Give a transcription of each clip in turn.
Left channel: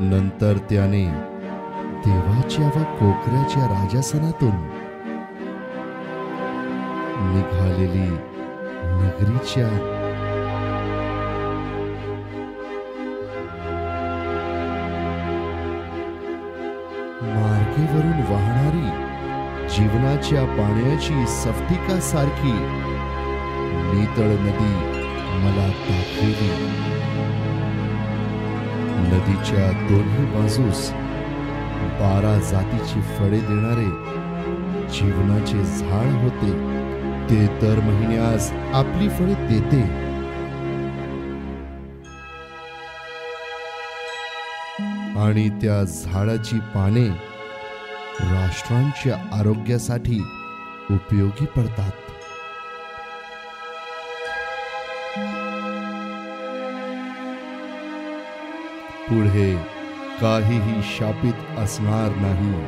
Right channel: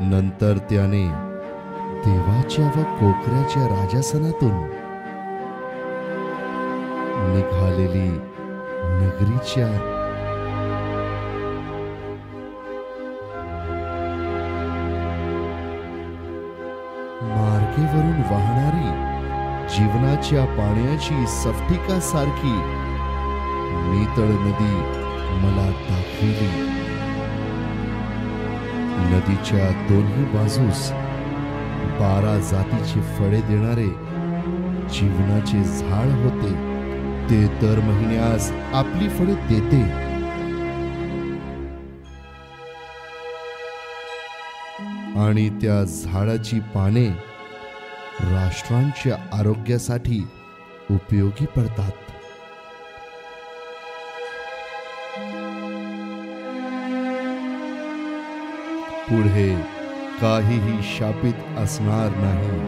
नंतर त्याने देवाच्या व कोकऱ्याच्या राजासनातून निघालेली नगरीच्या मार्गेवरून वाहणारी जीवनाच्या पाण्याची स्फटिका सारखी नितळ नदी मला दाखविली. नदीच्या दोन्ही बाजूस 12 जातीचे फळे देणारे जीवनाचे झाड होते. ते दर महिन्यास आपली फळे देते. आणि त्या झाडाची पाने राष्ट्रांच्या आरोग्यासाठी उपयोगी पडतात. पुढे काहीही शापित असणार नाही,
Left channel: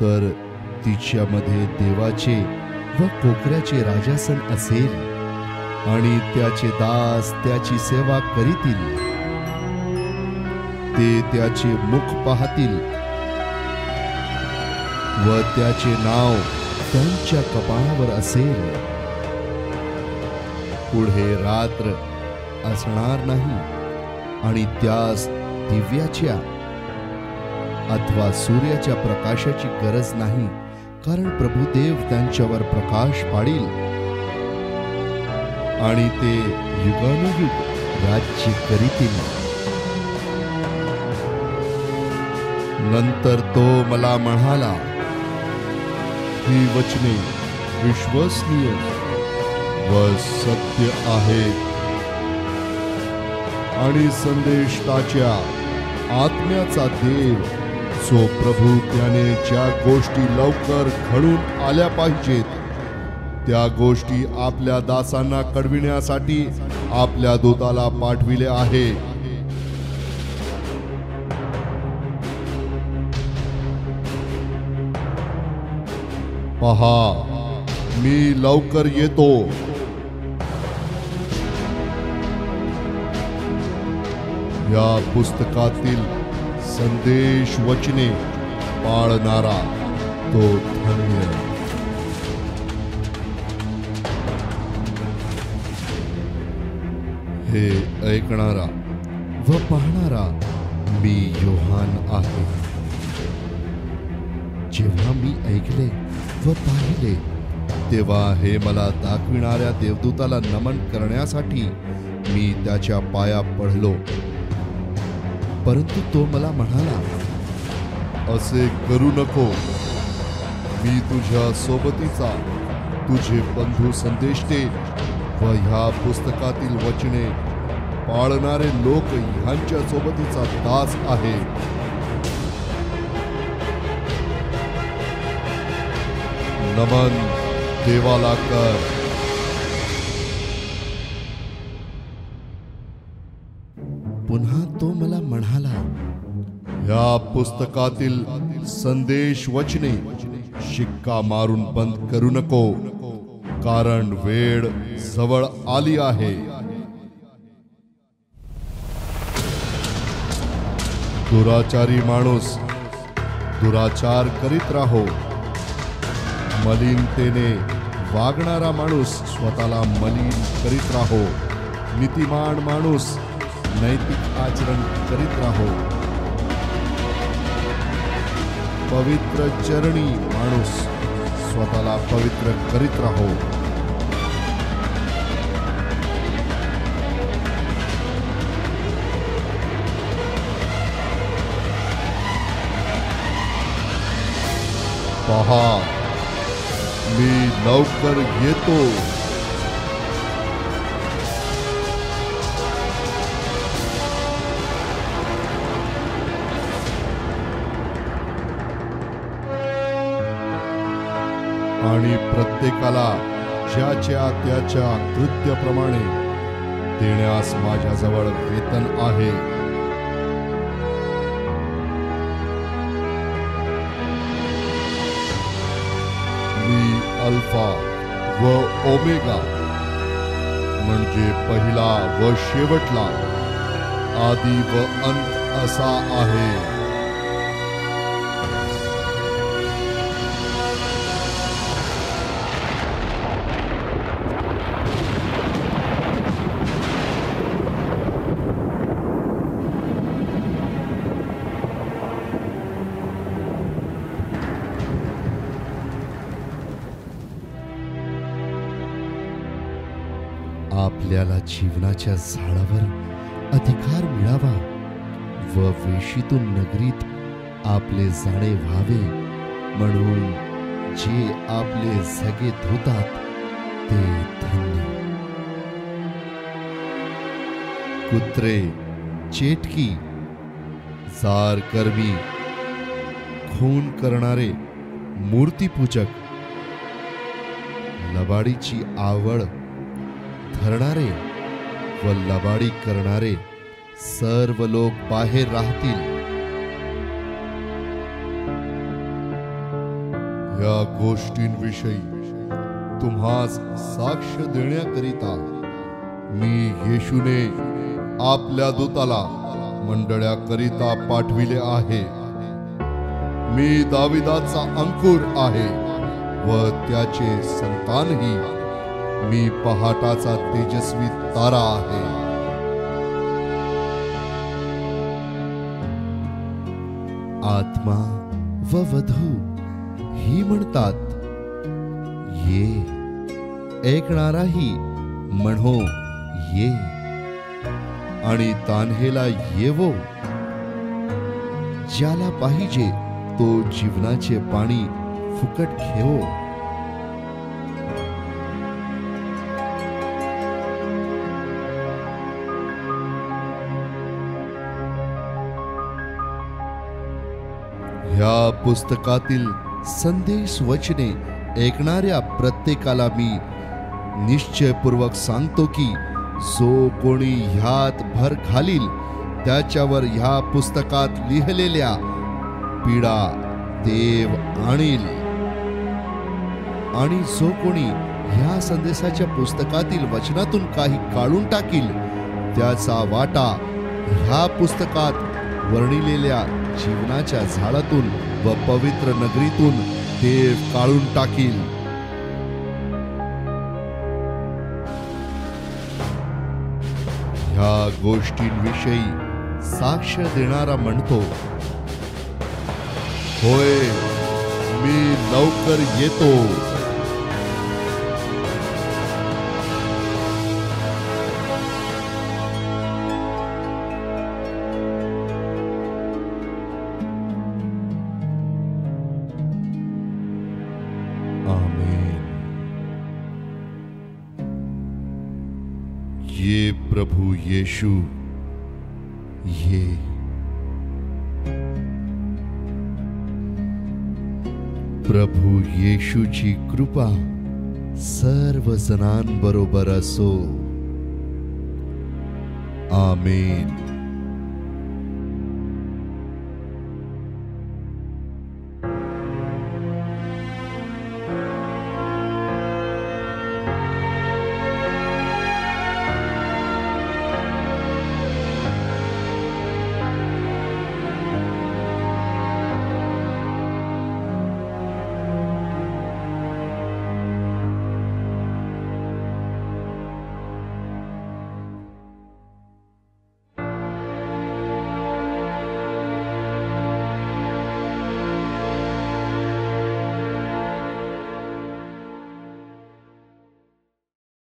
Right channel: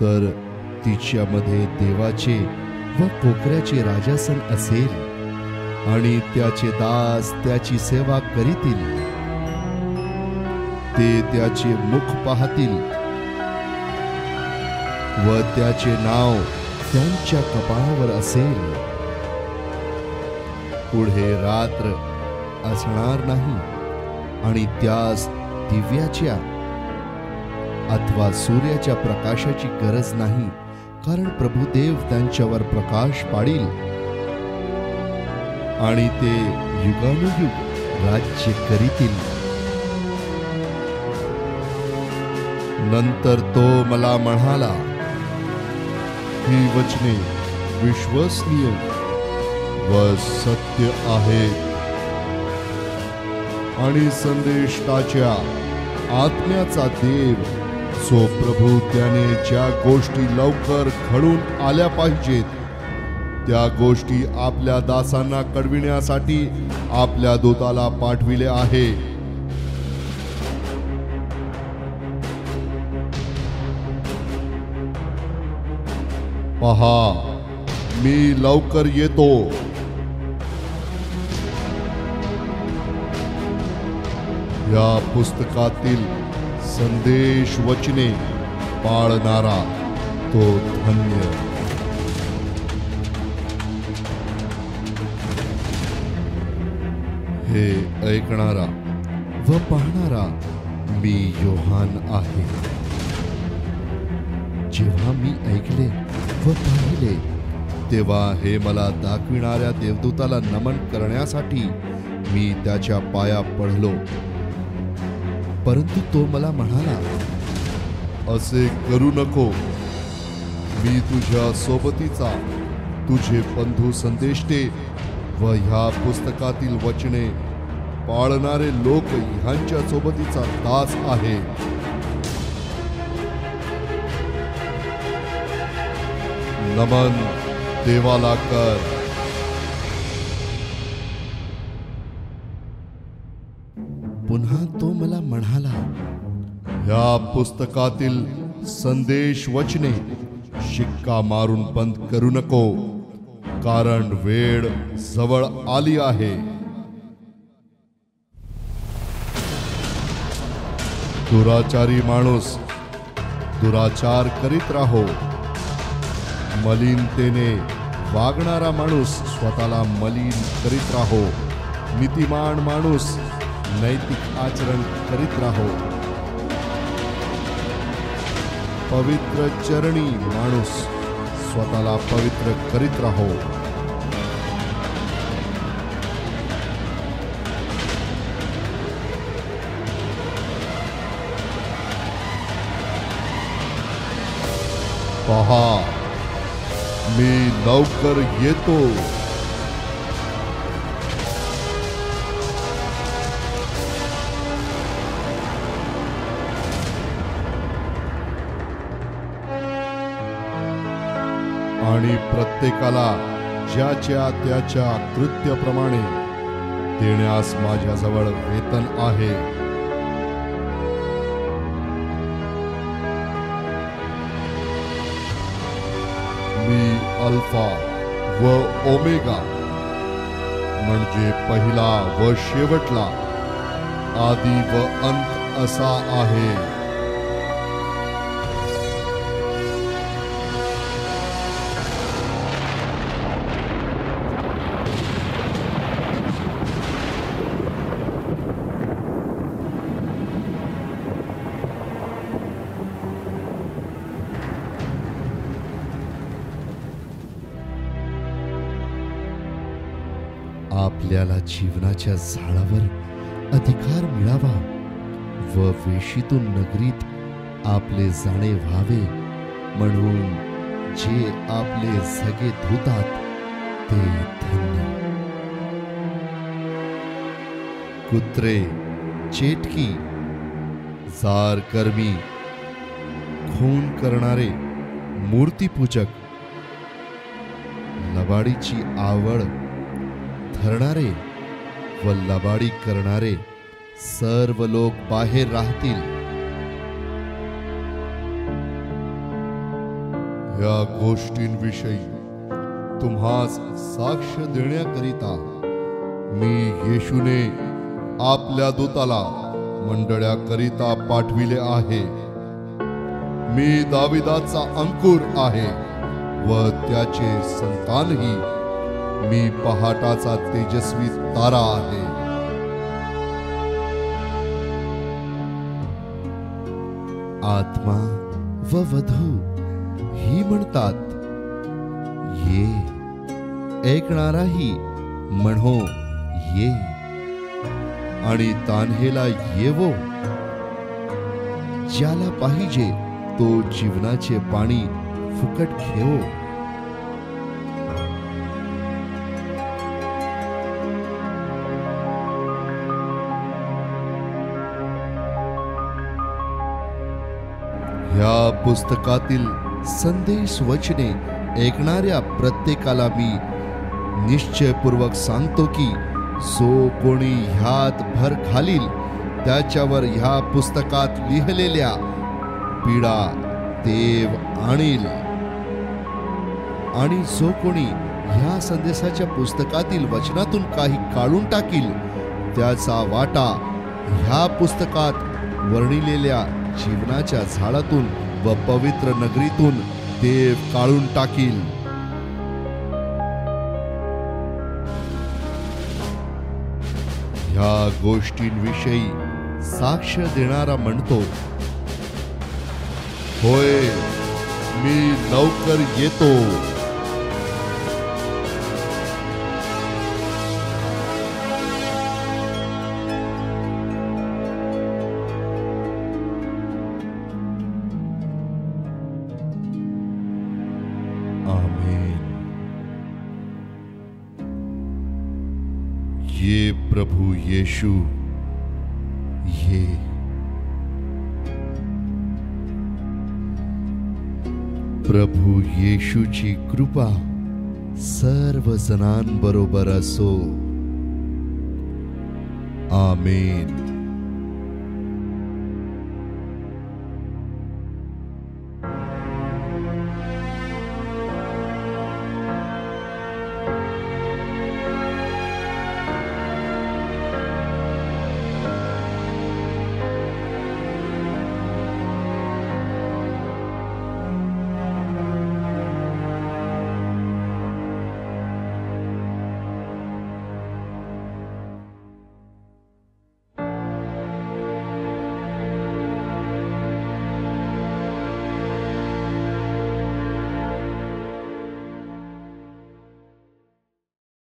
तर तिच्यामध्ये देवाचे व कोकऱ्याचे राजासन असेल आणि त्याचे दास त्याची सेवा करीतील. ते त्याचे मुख पाहतील व त्याचे नाव त्यांच्या कपाळावर असेल. पुढे रात्र असणार नाही आणि त्यास दिव्याच्या अथवा सूर्याच्या प्रकाशाची गरज नाही, कारण प्रभुदेव त्यांच्यावर प्रकाश पाडील आणि ते युगानुयुग राज्य करीतील. नंतर तो मला म्हणाला, ही वचने विश्वसनीय व सत्य आहेत आणि संदेष्टाच्या आत्म्याचा देव जो प्रभू त्याने ज्या गोष्टी लवकर घडून आल्या पाहिजेत त्या गोष्टी आपल्या दासांना कळविण्यासाठी आपल्या दूताला पाठविले आहे. पहा, मी लवकर येतो. या पुस्तकातील संदेश वचने पाळणारा तो धन्य. हे ऐकणारा व पाहणारा मी योहान आहे. जेव्हा मी ऐकले व पाहिले तेव्हा हे मला दाखविणाऱ्या देवदूताला नमन करण्यासाठी मी त्याच्या पाया पडलो. परंतु तो मला म्हणाला, असे करू नको. मी तुझ्या सोबतीचा, तुझे बंधू संदेष्टे व ह्या पुस्तकातील वचने पाळणारे लोक ह्यांच्या सोबतीचा दास आहे. नमन देवाला कर. पुन्हा तो मला म्हणाला, ह्या पुस्तकातील संदेश वचने शिक्का मारून बंद करू नको, कारण वेळ जवळ आली आहे. दुराचारी माणूस दुराचार करीत राहो. मलिनतेने वागणारा माणूस स्वतःला मलिन करीत राहो. नीतिमान माणूस नैतिक आचरण करीत राहो. पवित्र चरणी माणूस स्वतःला पवित्र करीत राहो. पहा, मी लवकर येतो. आणि प्रत्येकाला ज्याच्या त्याच्या कृत्याप्रमाणे देण्यास माझ्याजवळ वेतन आहे. मी अल्फा व ओमेगा म्हणजे पहिला व शेवटला, आदि व अंत असा आहे. आपल्याला जीवनाच्या झाडावर अधिकार मिळावा व वेशीतून नगरीत आपले जाणे व्हावे म्हणून जे आपले झगे धुतात ते धन्य. कुत्रे, चेटकी, जार कर्मी, खून करणारे, मूर्तीपूजक, लबाडीची आवड धरणारे व लबाडी करणारे सर्व लोक बाहेर राहतील. या गोष्टींविषयी तुम्हास साक्ष देण्याकरिता मी येशूने आपल्या दूताला मंडळाकरिता पाठविले आहे. मी दाविदाचा अंकुर आहे व त्याचे संतानही. मी पहाटाचा तेजस्वी तारा आहे. आत्मा व वधू ही म्हणतात ये, ऐकणाराही म्हणो ये, आणि तान्हेला येवो. ज्याला पाहिजे तो जीवनाचे पाणी फुकट घेवो. ह्या पुस्तकातील संदेश वचने ऐकणाऱ्या प्रत्येकाला मी निश्चयपूर्वक सांगतो की जो कोणी ह्यात भर घालील त्याच्यावर ह्या पुस्तकात लिहिलेल्या पीडा देव आणील. आणि जो कोणी ह्या संदेशाच्या पुस्तकातील वचनातून काही काढून टाकील त्याचा वाटा ह्या पुस्तकात वर्णिलेल्या जीवनाच्या झाडातून व पवित्र नगरीतून देव काढून टाकील. ह्या गोष्टींविषयी साक्ष देणारा म्हणतो, होय, मी लवकर येतो. आमीन. ये प्रभु येशू ये. प्रभु येशूची कृपा सर्व जणांबरोबर असो. आमीन.